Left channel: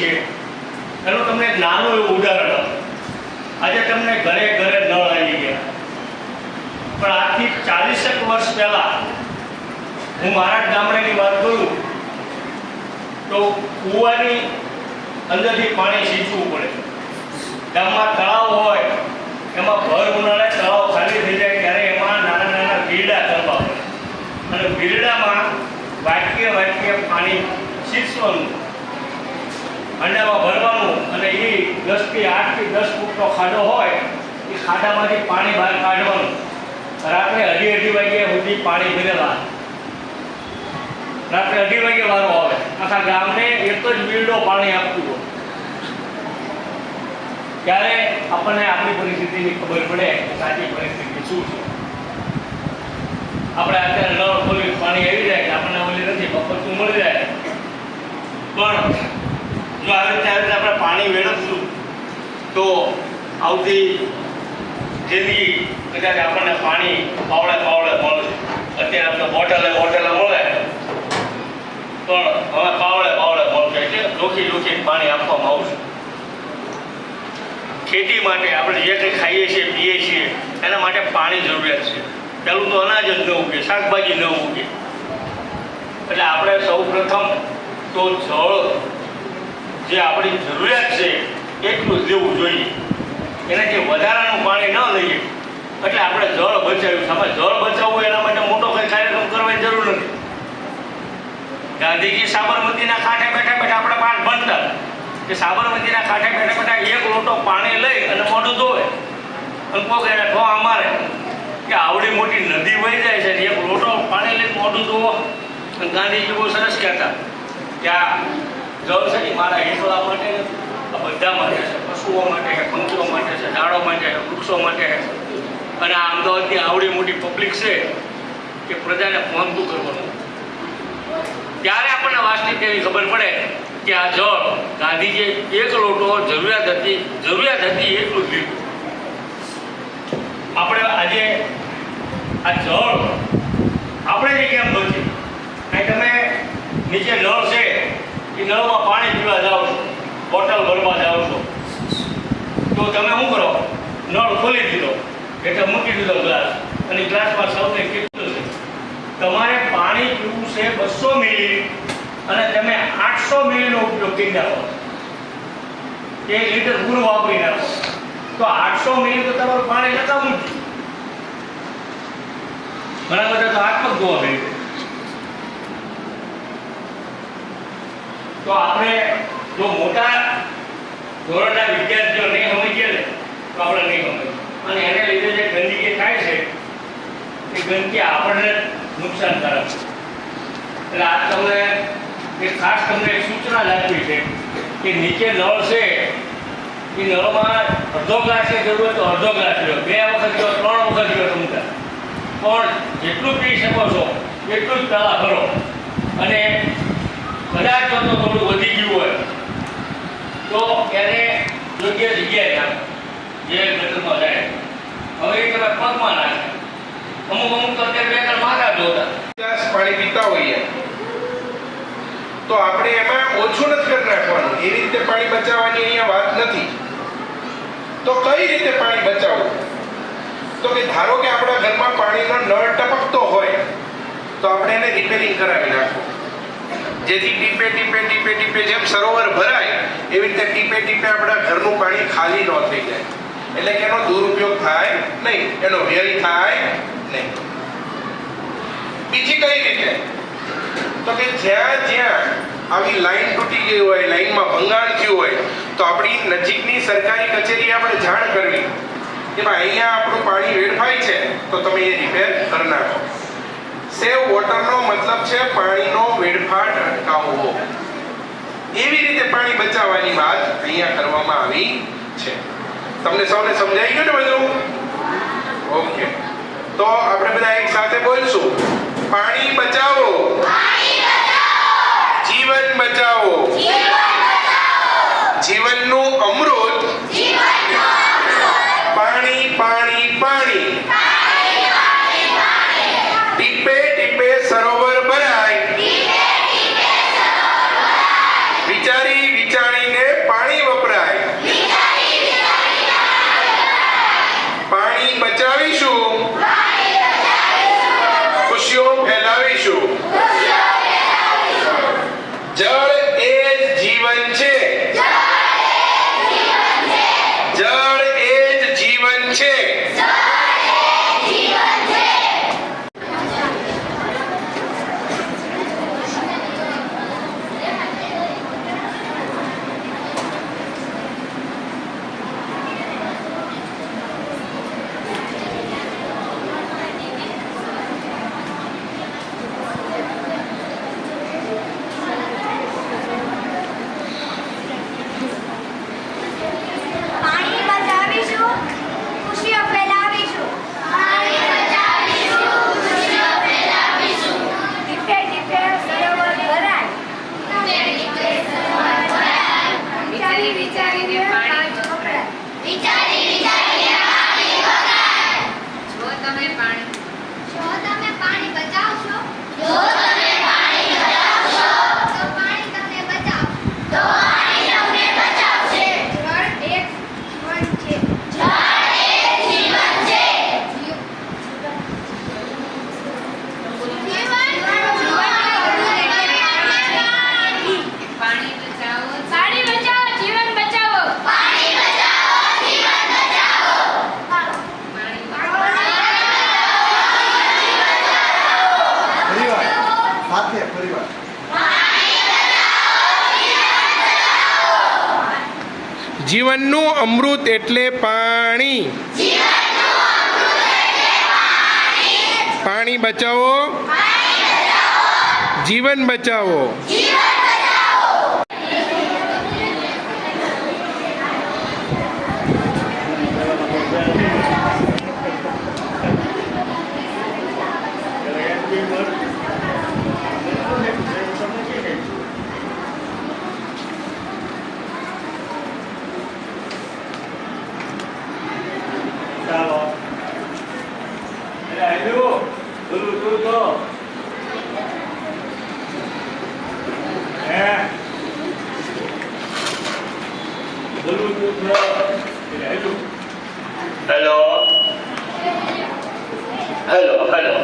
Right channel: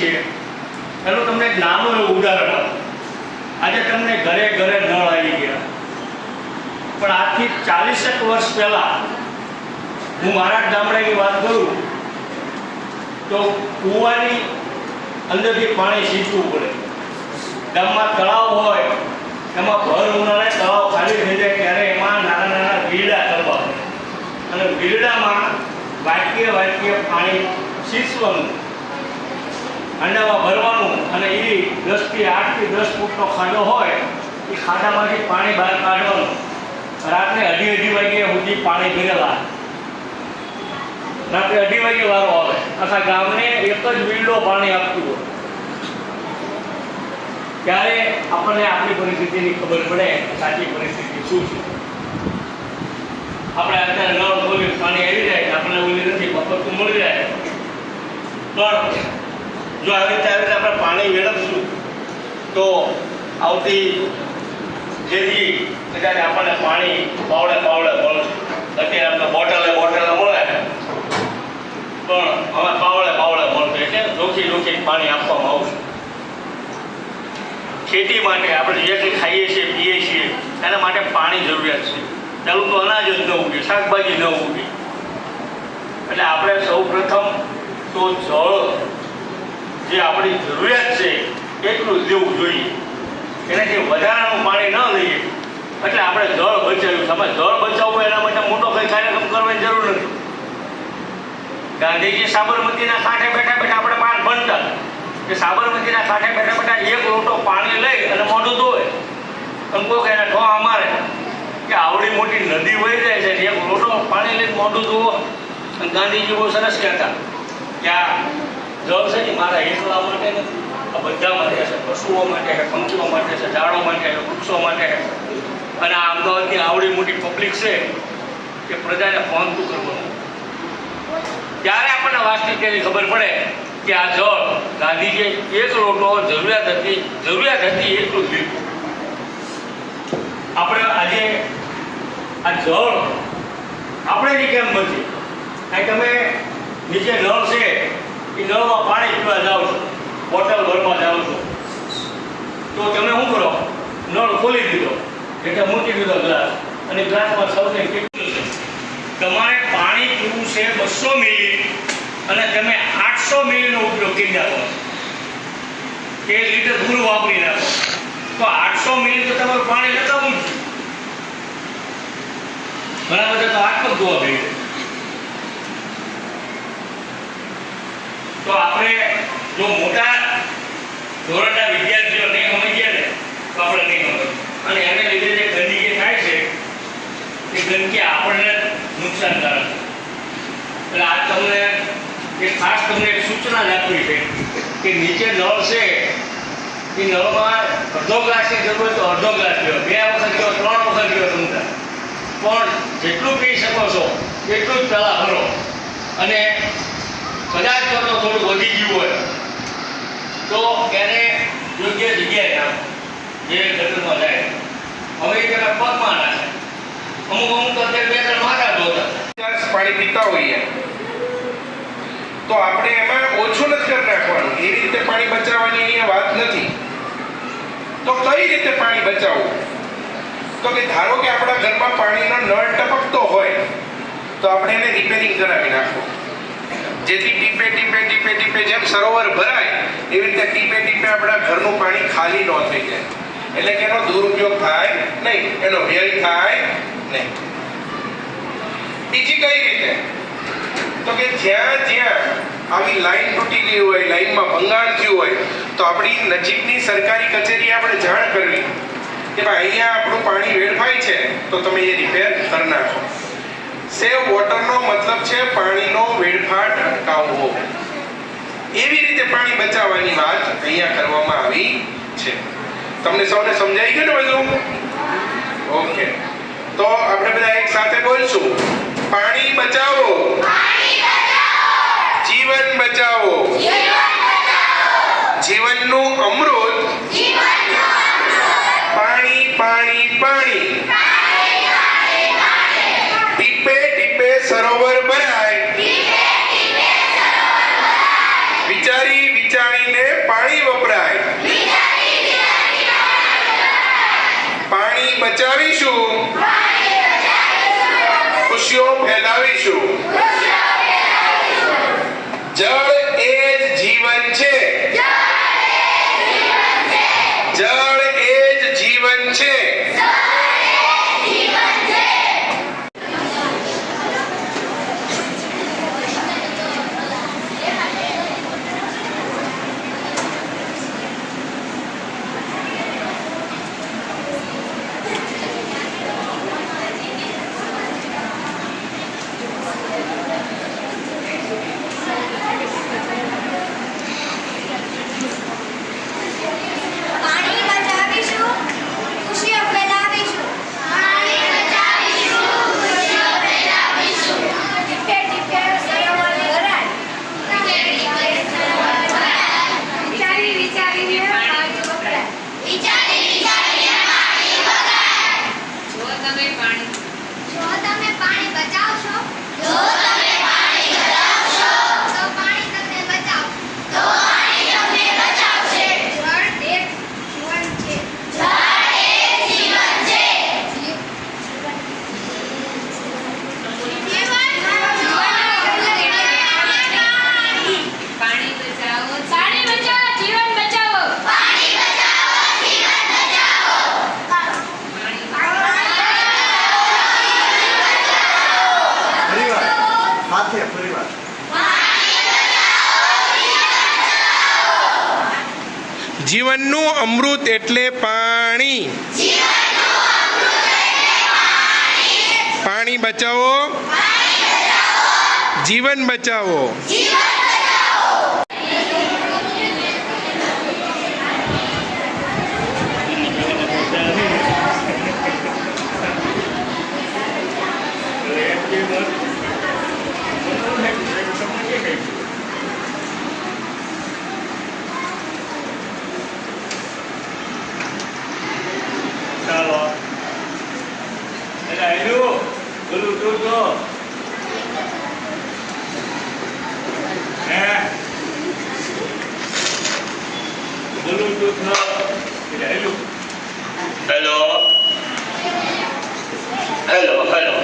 છીએ એનું તમને એક નાનું એવું ઉદાહરણ આપું. આજે તમને ઘરે ઘરે નળ આવી ગયા, પણ આજથી 40 વર્ષ પહેલાં હું મારા ગામડાની વાત કરું તો કૂવાની અંદરથી પાણી સીંચવું પડે. ગામમાં તળાવ હોય એમાં ભર ઉનાળે તળાવ ખાલી થઈ જાય ત્યારે એમાં નાના નાના બીરડા કરવા પડે અને બીરડામાં વાક્ય પાણી સીંચવાનું, અંડામાં ભરવાનું અને એ 10 થી 8 થી 10 ફૂટનો ખાડો હોય એ ખાડામાંથી પાણી બહાર કાઢવાનું. રાત્રે 2:30 વાગ્યા સુધી પાણી ભરેલા, રાત્રે 2:30 વાગે વારો આવે, આખા ગામને એક જ બીરડો પાણી આપતું હોય. ત્યારે આપણને આપણી પરિસ્થિતિની ખબર પડે સાચી પરિસ્થિતિ શું છે. આપણે અત્યારે નળ ખોલી પાણી આવી જાય, આપણને ઓલી નથી મફતનું મળી જાય, પણ જો આવી રીતે આપણે પાણી મેળવશું તો આવતી જિંદગી કદાચ આપણને પાણી પાવડે મળશે. અત્યારે આપણે બોટલે મળે, પણ હવે પાવડે મળશે છે. રોકી પાણી આપવામાં આવશે. ખેતી માટે આપણે જે કંઈ ખાઈએ છીએ પીએ છીએ એના માટે પાણી જરૂરિયાત છે. પહેલું તો અનાજ જ ન ઉગે, શાકભાજી ન ઉગે, એટલે આપણે સૌ પ્રથમ તો જળ જે આપણી જરૂરિયાત છે એટલું જ લેવું જોઈએ. એનાથી વધારાનું પાણી ન લઈએ. એટલે આપણે જળ બચાવ્યું. આમાં જળ બચાવવું એના માટે મોટો કંઈ કાર્યક્રમ કરવાની જરૂર નથી. ગાંધીજી સાબરમતીના કાંઠે બેઠા આપણે પાઠ ભણતા કે સાબરમતીના કાંઠે બેઠા એક લોટો પાણી લઈ અને મોઢું ધોવે. કોઈ એને ઠોવા મારે કે આવડી મોટી નદી વહી જાય છે, એક લોટો પાણી લઈને મોઢું ધોવો. ગાંધીજી બહુ સરસ કહેતા કે આ જળ છે ને મારા હેઠળા માટે આ બધા માટે છે, પશુઓ માટે છે, પંખીઓ માટે છે, ઝાડો માટે છે, વૃક્ષો માટે છે. અને આ અમદાવાદની આવડી મોટી પબ્લિક છે કે પ્રજાને પહોંચતું કરવાનું. ત્યારે આપણને વાસ્તવિકતાની ખબર પડે કે આ જળ ગાંધીજીએ એક લોટો જરૂરિયાત હતી એટલું જ લીધું. આપણે આજે આ જળ આપણે જ કેમ નથી? તમે નીચે નળ છે એ નળમાં પાણી પીવા જાઓ છો, બોટલ ભરવા જાઓ છો, તો તમે શું કરો? નળ ખોલી દીધો એટલે મૂકી દીધો ગ્લાસ, અને ગ્લાસમાં સૌને કેટલું છે. તમારે પાણી પીવું છે 200 મિલી અને તમે 800 મિલીનો ઉપયોગ કરી નાખો, 1 લીટર પૂરું વાપરી નાખો, તો 800 મિલી તો તમારું પાણી લગાવવું જ. ઘણા બધા તો હાથ પગ ધોવા મળ્યું. તો આપણે જો મોટા ધોરણના વિદ્યાર્થીઓ નહીં સમજીએ ને તો આપણે નહીં સમજીએ, અને એને લીધે જે ગંદકી થાય છે એ ગંદકી આપણને નુકસાનકારક છે. એટલે આ તમને ખાસ તમને એક સૂચના જ આપવી છે કે નીચે નળ છે એ નળમાં અડધો ગ્લાસની જરૂર હોય તો અડધો ગ્લાસ પીવો, 2 વખત પીવો, 3 વખત પીવો તમને, પણ જેટલું પી શકો છો એટલું જ પહેલાં ભરો. અને કદાચ જો થોડું વધી ગયું હોય તો એને યોગ્ય જગ્યાએ નાખો, જે ગટરમાં જાય. હવે એ તમે પગમાં નાખો. અમુક તો અત્યારે 2-3 મારા ધોતા પાણી પીતા હોઈએ તો આપણે એમાં ઓછું નથી કરી નાખવાનું. એવી રીતે પાણી બચાવવાની અહીંયા વાત નથી. તો કઈ રીતે પાણી બચાવવું? તો કે ધારો કે આપણા ઘરમાં પાણીનો નળ ટપકતો હોય તો આપણે એને રિપેરિંગ કરાવી નાખવું, જેથી ટીપે જેમ સરોવર ભરાય એવી રીતે ટીપે આપણા ઘરનું પાણી ખાલી ન થઈ જાય. એટલે કે એનો દુરુપયોગ થાય નહીં, એનો વ્યય થાય નહીં. બીજી કઈ રીતે? તો કે જ્યાં આવી લાઈન તૂટી ગઈ હોય, લાઈનમાં ભંગાણ થયું હોય તો આપણી નજીકની સરકારી કચેરી આપણે જાણ કરવી કે ભાઈ અહીંયા આપણું પાણી વેડફાય છે તો તમે એ રિપેર કરી નાખો. સેવ વોટરનો મતલબ છે પાણીનો વેડફાટ અટકાવવો. એવી રીતે પાણી બચાવવાની વાત અહીંયા કરવામાં આવી છે. તમને સૌને સમજાઈ ગયું ને બધું? ઓકે, તો આપણે બધા એક સાથે બોલશું, પાણી બચાવો, જીવન બચાવો, જીવનનું અમૃત, પાણી પાણી પાણી, ટીપે ટીપે સરોવર ભરાય, વિચારી વિચારીને વિચારીને પાણી વપરાય. જો તમે પાણી બચાવશો તો પાણી તમને બચાવશે. જળ એક જીવન છે. પાણી બચાવો, પાણી બચાવો, જીવન બચાવો. પાણી બચાવો, જીવન બચાવો. પરિવાર. જીવનનું અમૃત એટલે પાણી. પાણી બચાવો, જીવન બચાવો. ચાલો એટલે આવ્યું બોલું તું તો હે બોલું તું તો એટલે આવ્યું હેલો હેલો હેલો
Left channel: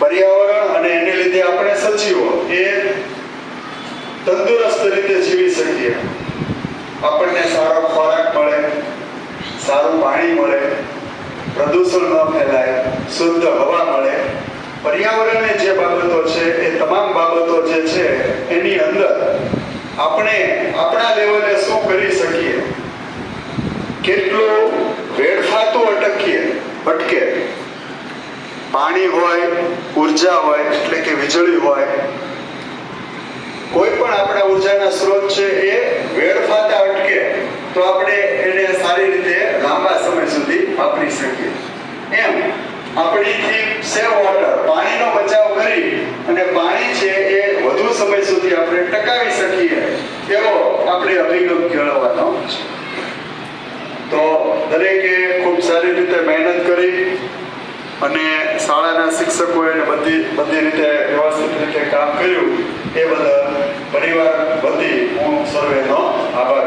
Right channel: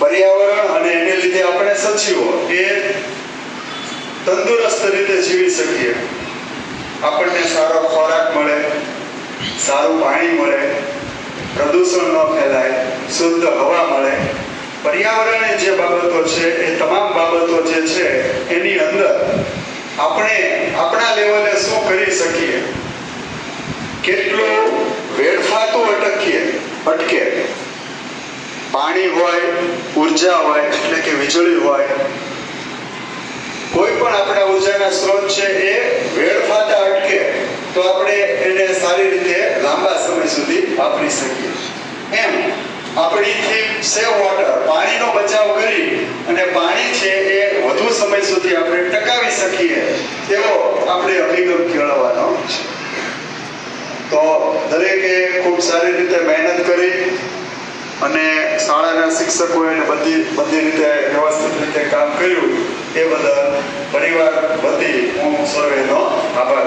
પર્યાવરણ અને એને લીધે આપણે સજીવો એ તંદુરસ્ત રીતે જીવી શકીએ. આપણને સારો ખોરાક મળે, સારું પાણી મળે, પ્રદૂષણ ન ફેલાય, શુદ્ધ હવા મળે. પર્યાવરણીય જે બાબતો છે એ તમામ બાબતો જે છે એની અંદર આપણે આપણા લેવલે શું કરી શકીએ, કેટલું વેડફાતું અટકે. પાણી હોય, ઉર્જા હોય એટલે કે વીજળી હોય, કોઈ પણ આપણા ઉર્જાના સ્ત્રોત છે એ વેડફાતા અટકે તો આપણે એને સારી રીતે લાંબા સમય સુધી વાપરી શકીએ. એમ આપણીથી સેવ વોટર, પાણીનો બચાવ કરી અને પાણી છે એ વધુ સમય સુધી આપણે ટકાવી શકીએ એવો આપણે અભિગમ કેળવવાનો છે. તો દરેકે ખૂબ સારી રીતે મહેનત કરી અને શાળાના શિક્ષકોએ બધી રીતે વ્યવસ્થિત રીતે કામ કર્યું એ બદલ પરિવાર વતી હું સર્વેનો આભાર